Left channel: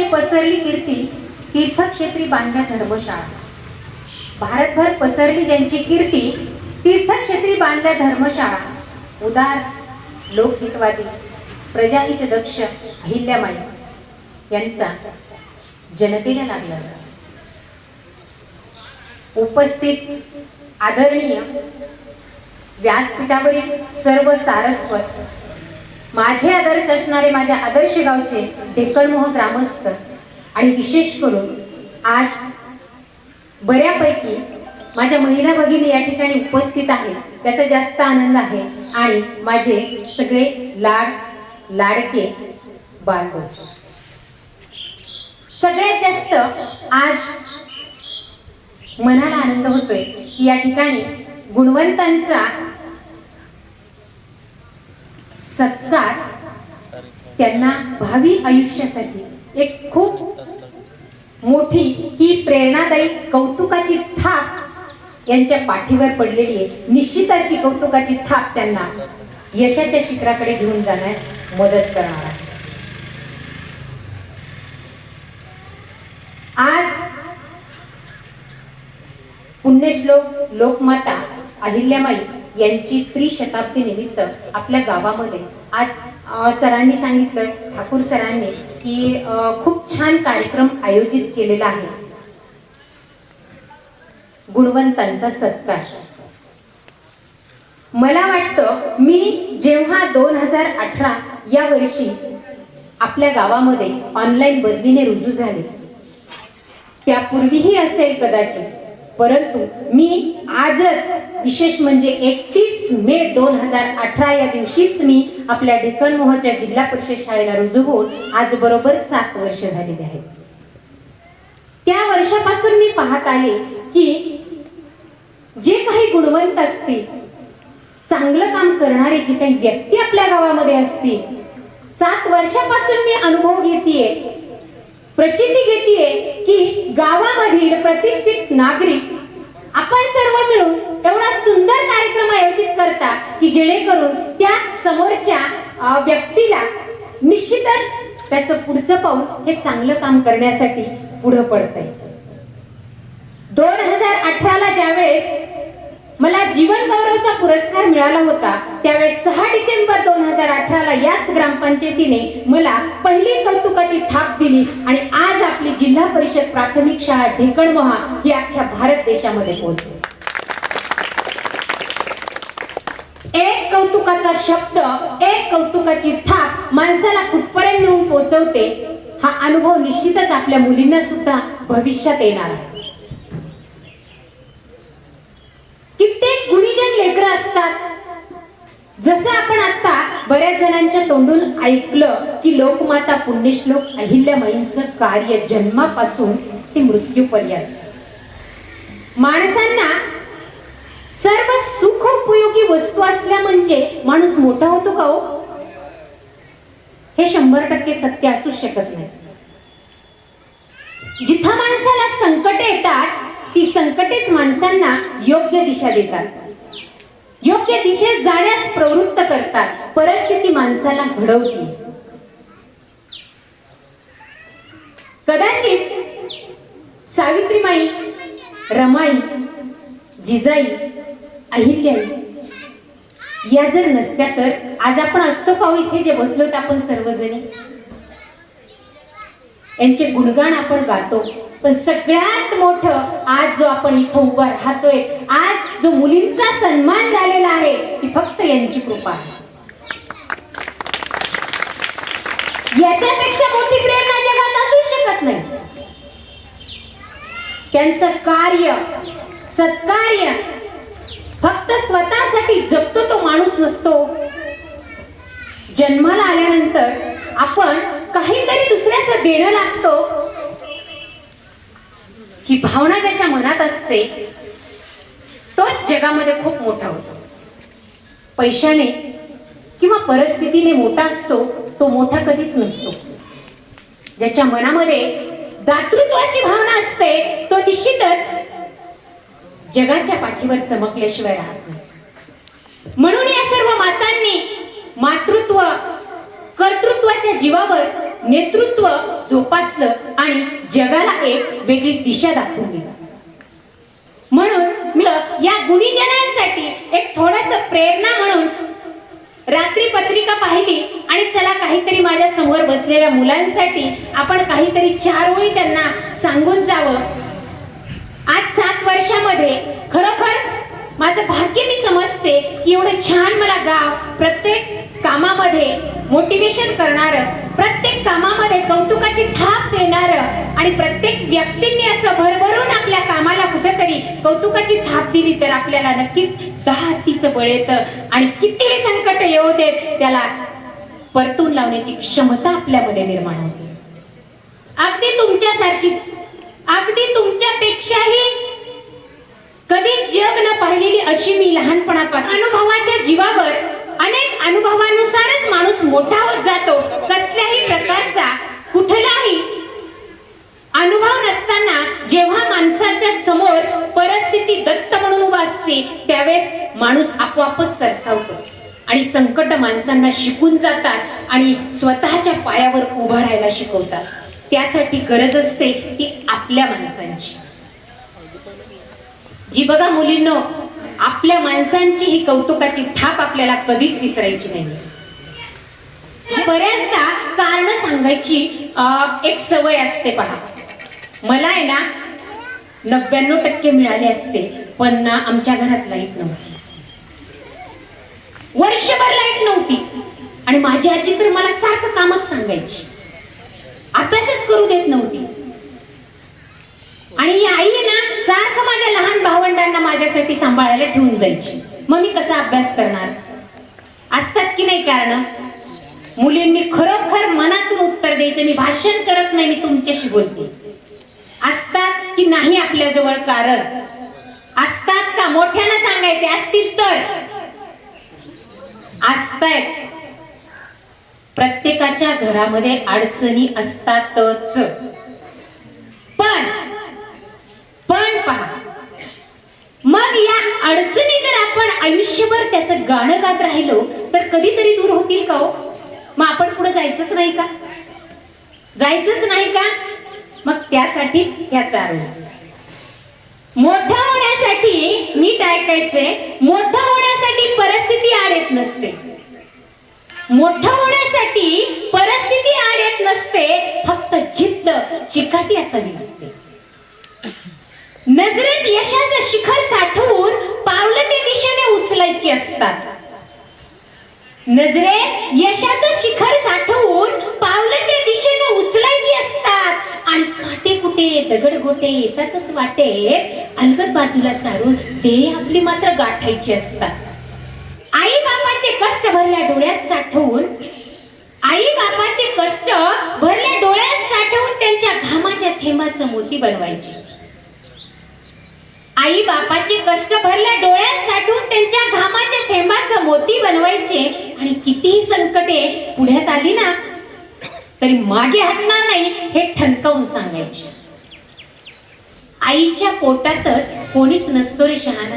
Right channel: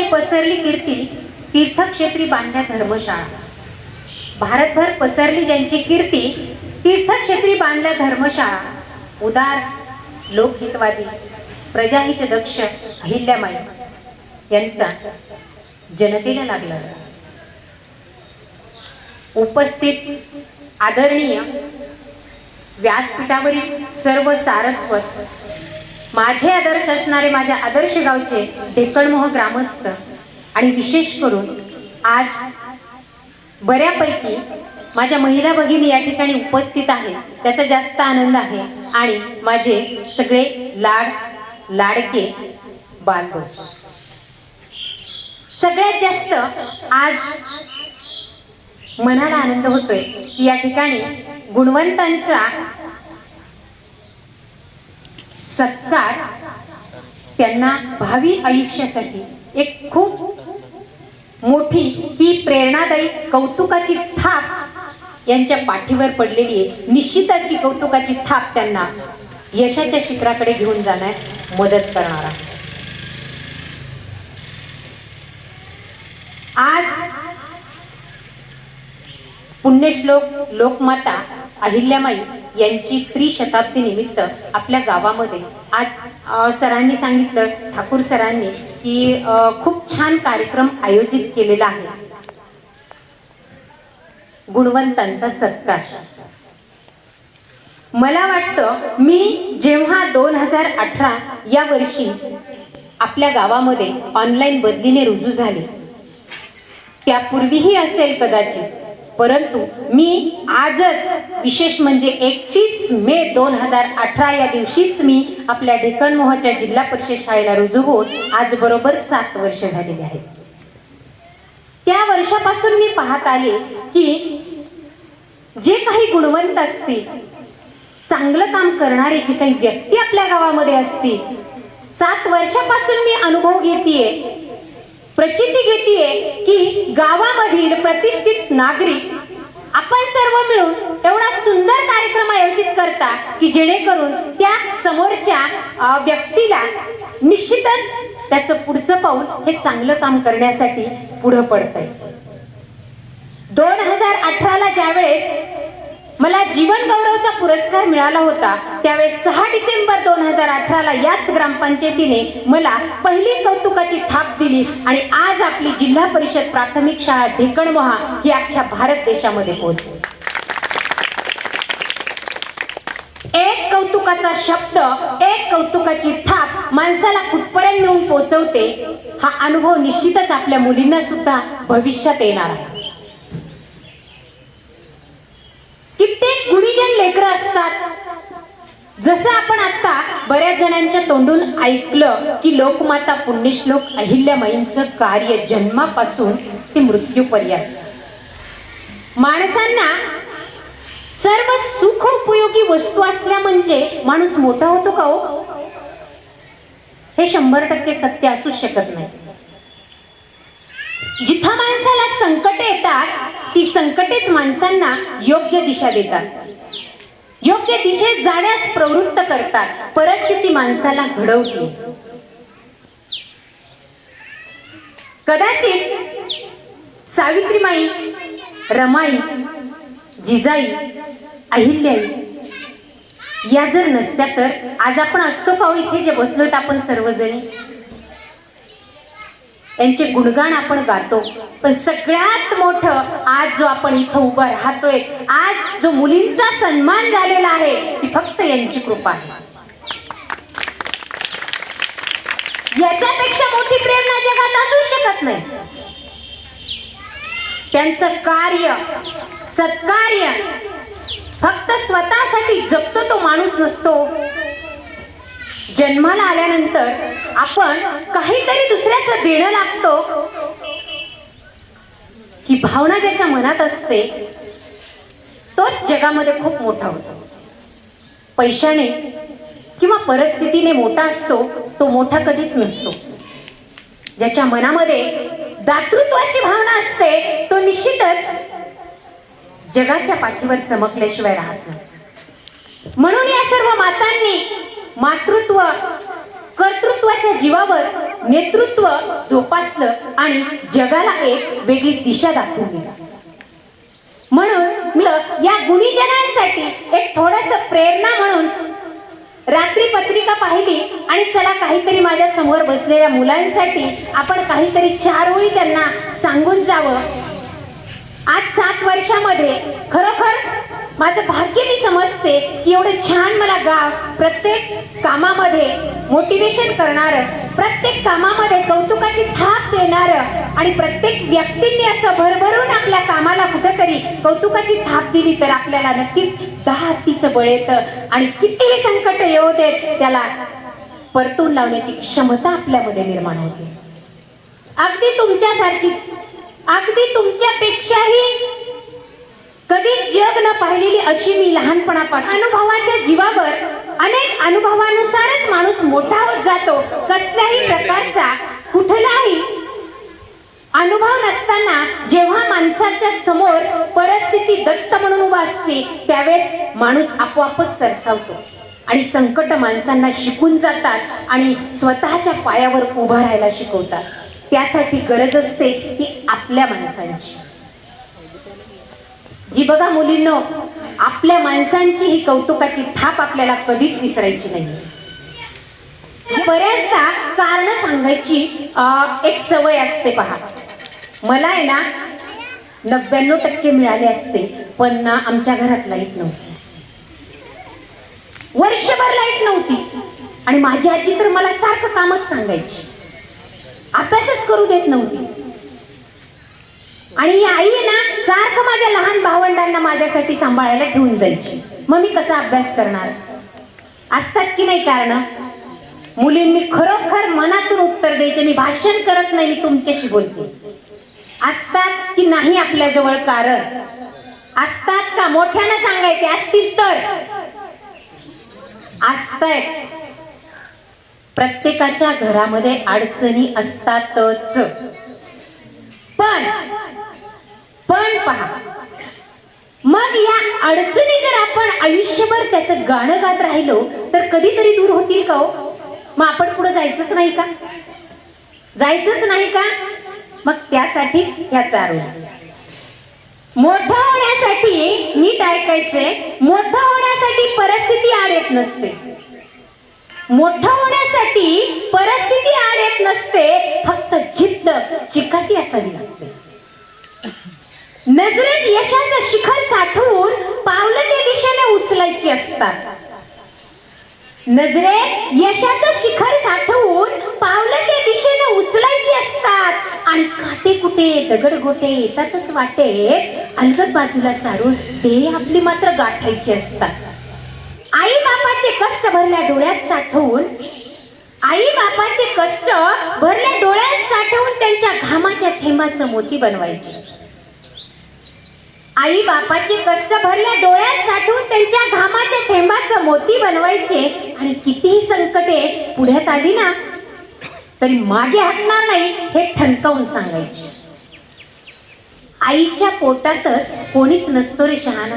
ज्यांची पसरली कीर्ती तीर्थक्षेत्री बांधल्या धर्मशाळा. भारतभर पसरली ज्यांची कीर्ती तीर्थक्षेत्री बांधल्या धर्मशाळा. उदार लोकहितवादी प्रजाहित दक्ष अहिल्याबाई यांचा जनतेला लागला. उपस्थित आदरणीय व्यासपीठावरील सर्व सारस्वत माझे आदर्श असणारे माझ्या आदर्श गावचे ढेकळमोह ग्रामस्थ. आणि विशेष करून आज बऱ्यापैकी माझ्या महिला भगिनी या ठिकाणी उपस्थित आहेत. त्याचा जास्त आनंद आहे. आणि माझे सगळे लाड लाडके बालबस सगळ्यात जास्त आज मनाला आनंद होतोय की या ठिकाणी गुणवंतांचा सत्कार त्यांना भावी आयुष्यासाठी एक खूप मोठी ही प्रेरणादायी कौतुकाची थाप यांच्या पाठीवर पडलेली आहे. निश्चिताची कौतुकाची थाप त्यांना यशाच्या शिखराकडे घेऊन जाण्यास मदत करणार आहे. आज पुण्यश्लोक लोकमाता अहिल्यामाई यांची त्रिशताब्दी निमित्त आपल्या गावामध्ये. आज सरांनी सांगितलं ठाकूर सरांनी की खूप छान कार्यक्रम आयोजित केलेला आहे. गुणवंतांचा सत्कार. मला वाटतं मी जेव्हा दोन हजार अठरा या वर्षी आपल्या गावामध्ये ऑनलाईन बदलीने रुजू झाले. त्यापूर्वीही असेल कदाचित परंतु मी आजच विशेष म्हणजे एकतीस मे दोन हजार अठरा या दिवशीच मी आपल्या ढेकणमोहच्या जिल्हा परिषद शाळेला रुजू होऊन आज बरोबर सात वर्ष झालेली आहेत. त्या वर्षापासून मी पाहत आले की जे काही गुणवंत असतील चांगलं काम करणारे जे काही व्यक्ती आपल्या गावामध्ये असतील सात वर्षापासून मी अनुभव घेतेय प्रचिती घेतेय की गावामधील प्रतिष्ठित नागरिक आपण सर्व मिळून एवढा सुंदर कार्यक्रम आयोजित करता की जेणेकरून त्या समोरच्या व्यक्तीला निश्चितच त्याचं पुढचं पाऊल हे चांगलं काम करण्यासाठी पुढं पडतंय. दोन हजार अठराला ज्यावेळेस मला जीवन गौरवचा पुरस्कार मिळाला होता. त्यावेळेस सहा डिसेंबर दोन हजार अठराला याच ग्रामपंचायतीने मला पहिली कौतुकाची थाप दिली आणि आज आपली जिल्हा परिषद प्राथमिक शाळा ढेकणमहा ही अख्ख्या भारत देशामध्ये पोहोचली. एक कौतुकाचा शब्द एक कौतुकाची थाप माणसाला कुठपर्यंत नेऊन पोहोचवते हा अनुभव निश्चितच आपल्या मुलींना सुद्धा भविष्यात येणार आहे. लेकरं असतात. जसं आपण आता बऱ्याच जणांच्या तोंडून ऐकलं की लोकमाता पुण्यश्लोक अहिल्यामाईंचं कार्य जन्मापासून ते मृत्यूपर्यंत. माणसांना सर्व सुख उपयोगी वस्तू असल्या म्हणजे माणूस मोठा होतो का हो? हे शंभर टक्के सत्य असू शकत नाही. जिथं माणसाला संकट येतात ती संकटेच माणसांना योग्य दिशा देतात. योग्य दिशेत जाण्यास प्रवृत्त करतात. परिस्थिती माणसाला घडवते. कदाचित सावित्रीमाई रमाई जिजाई अहिल्याई या जर नसत्या तर आज आपण असतो पाहू हो इथे जे बसलोत आपण सर्वजणी? यांचे गुणगान आपण गातो. पण सगळ्यात मोठं आज जो आपण इथं उभं राहतोय आज जो मुलींचा सन्मान झालेला आहे ती फक्त यांची कृपा आहे. याच्यापेक्षा मोठी प्रेरणा जगात असू शकत नाही. त्यांचं कार्य सत्कार्य फक्त स्वतःसाठी जगतो तो माणूस नसतो. जन्माला आल्यानंतर आपण काहीतरी दुसऱ्याचं देणं लागतो ही भावना ज्याच्या मनात असते तोच जगामध्ये खूप मोठा होतो. पैशाने किंवा परिस्थितीने मोठा असतो तो मोठा कधीच नसतो. ज्याच्या मनामध्ये दातृत्वाची भावना असते तो निश्चितच जगाच्या पाठीवर चमकल्याशिवाय राहत नाही म्हणून या सर्व मातांनी नेतृत्व जोपासलं आणि जगाला एक वेगळी दिशा दाखवून दिला. म्हणून मी या गुणीजनांसाठी एक थोडस प्रेरणा म्हणून रात्री पत्रिका पाहिली आणि चला काहीतरी माझ्यासमोर बसलेल्या मुलांसाठी आपण काहीतरी चार ओळी त्यांना सांगून जावं. आज सात वर्षामध्ये खरोखर माझं भाग्य मी समजते की एवढं छान मला गाव प्रत्येक कामामध्ये मोटिवेशन करणारं प्रत्येक कामामध्ये कौतुकाची थाप देणार आणि प्रत्येक व्यक्तींनी असं भरभरून आपल्या कामाला कुठेतरी कौतुकाची थाप दिली तर आपल्याला नक्कीच दहा हत्तीचं बळ येतं. आणि कितीही संकट येऊ देत त्याला परतून लावण्याची क्षमता आपल्यामध्ये निर्माण होते. अगदी तुमच्यासारखीच अगदी तुमच्यापेक्षाही कधी जग न पाहिलेली अशी मी लहानपणापासून अनुभवाच्या जीवावर अनेक अनुभवानुसारच माणूस मोठा होत जातो कसल्याही प्रकारचा कुठलाही अनुभव नसताना जेव्हा माणसाच्या समोर परिस्थिती दत्त म्हणून उभा असते त्यावेळेस माणूस आपोआपच सरसावतो. आणि संकट माणसांना शिकून जातात आणि स्वतःच्या पायावर उभा राहायला शिकवतात. त्यासाठी गरज असते ती आपल्या माणसांची. जी बघा मुलींनो आपल्या माणसांची ही कौतुकाची थाप आपल्याला कधीच विसरायची नाही म्हणजे बऱ्याचदा कारण सांगायची एक सवय असते पहा. मला आहे ना नव्याण्णव टक्के मिळाले असते पण ना आमच्या घरात लाइट नव्हती. वर्षभर लाइट नव्हती. आणि माझी आजी तर मला सारखं कामच सांगायची. अभ्यासच करू देत नव्हती. आणि ही आई आहे ना सारखं माझ्या लहान भावंड माझ्यासाठी सांभाळायला ठेवून जायची. मग मी कसा अभ्यास करणार? असतात की नाही कारण? मुलींनी खरोखर मनातून उत्तर द्यायचं मी भाषण करत नाही मी तुमच्याशी बोलते. असतात की नाही आपल्याजवळ कारण? असतात का? मोठ्यानं सांगायचे असतील तर. असताय. प्रत्येकाच्या घरामध्ये अडचणी असतातच पण पण पहा मग या अडचणी जर आपण आयुष्यभर त्याचं गाणं गात राहिलो तर कधीतरी दूर होतील का हो? मग आपण पुढे जायचंच नाही का? जायचंच नाही का? मग त्यासाठीच ह्याचा आरोप. मोठं होण्यासाठी नीट ऐकायचंय मोठं होण्यासाठी परिस्थिती आड येत नसते. मोठं होण्यासाठी परिस्थिती आड येत नसते फक्त जिद्द चिकाटी असावी लागते. दिशेने असतात. नजरेत यशाचं शिखर साठवून पावलं त्या दिशेनं उचलायची असतात. आणि काटे कुटे दगड गोटे येतातच वाटे. अलगद बाजूला सारून ते आपली मात्र गाठायची असतात. आई बापाचे कष्ट भरल्या डोळ्यात साठवून आई बापाचे कष्ट भरल्या डोळ्यात साठवून त्यांच्या घामाच्या थेंबाचं मोती बनवायचे. आई बापाचे कष्ट भरल्या डोळ्यात साठून त्यांच्या घामाच्या थेंबाचं मोती बनवायचे. आणि कितीही संकटे पुढ्यात आली ना तरी मागे हटणार नाही हे ठणकावून सांगायचे. आईच्या पोटातच कोणीच नसतो रे शहाणा.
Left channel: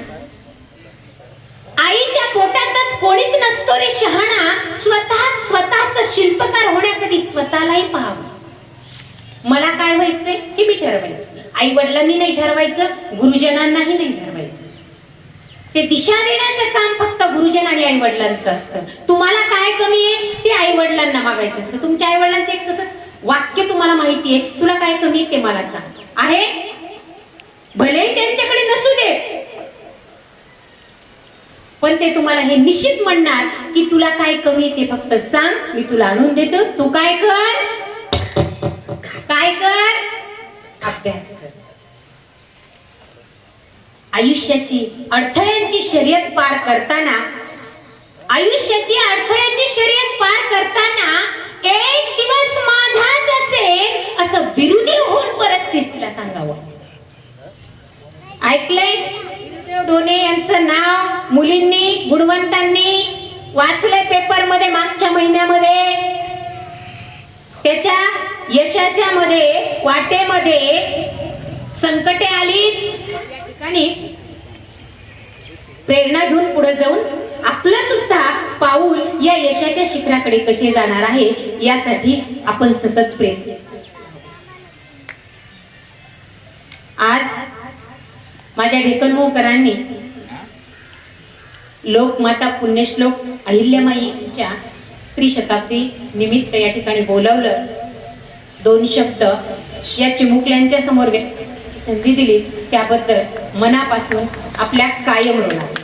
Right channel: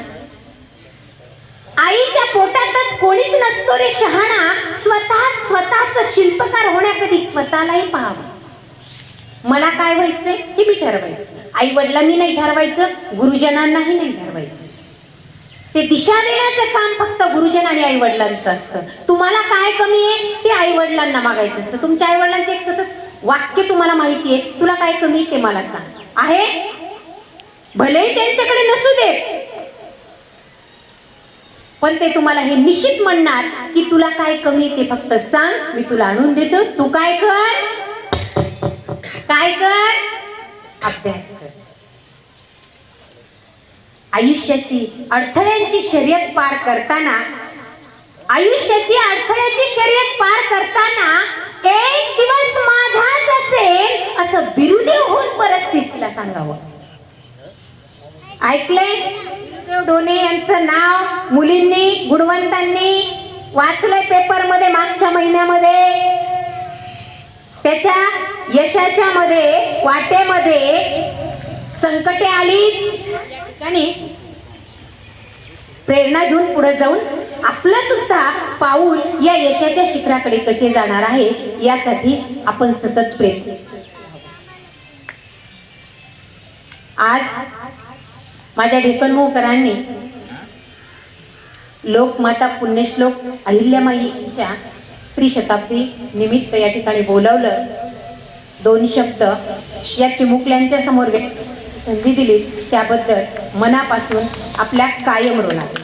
आईच्या पोटातच कोणीच नसतो रे शहाणा. स्वतः स्वतःच शिल्पकार होण्याकडे स्वतःलाही पाहावं. मला काय व्हायचंय हे मी ठरवायचं. आई वडिलांनी नाही ठरवायचं गुरुजनांनाही नाही ठरवायचं. ते दिशा देण्याचं काम फक्त गुरुजन आणि आई वडिलांचं असतं. तुम्हाला काय कमी आहे ते आई वडिलांना मागायचं असतं. तुमच्या आई वडिलांचं एक सतत वाक्य तुम्हाला माहिती आहे तुला काय कमी आहे ते मला सांग. आहे? भले त्यांच्याकडे नसू दे पण ते तुम्हाला हे निश्चित म्हणणार की तुला काय कमी ते फक्त सांग मी तुला आणून देतो. तू काय कर? काय कर? अभ्यास आयुष्याची अडथळ्यांची शर्यत पार करताना आयुष्याची अडथळ्याची शर्यत पार करताना एक दिवस माझाच असेल असं बिरुदेव होऊन परिस्थितीला सांगावं. ऐकलंय? बिरुदेव डोने यांचं नाव मुलींनी गुणवंतांनी वाचलंय पेपरमध्ये मागच्या महिन्यामध्ये. त्याच्या यशाच्या मध्ये वाटेमध्ये संकटे आली या ठिकाणी प्रेरणा घेऊन पुढे जाऊन आपलं सुद्धा पाऊल या यशाच्या शिखराकडे कसे जाणार आहे यासाठी आपण सतत प्रयत्न आज माझ्या ढेकनमोहकरांनी लोकमाता पुण्यश्लोक अहिल्यामाईच्या त्रिशताब्दी निमित्त या ठिकाणी बोलावलं. दोन शब्द या चिमुकल्यांच्या समोर व्यक्त संधी दिली. त्याबद्दल मनापासून आपल्या कायम ऋणात.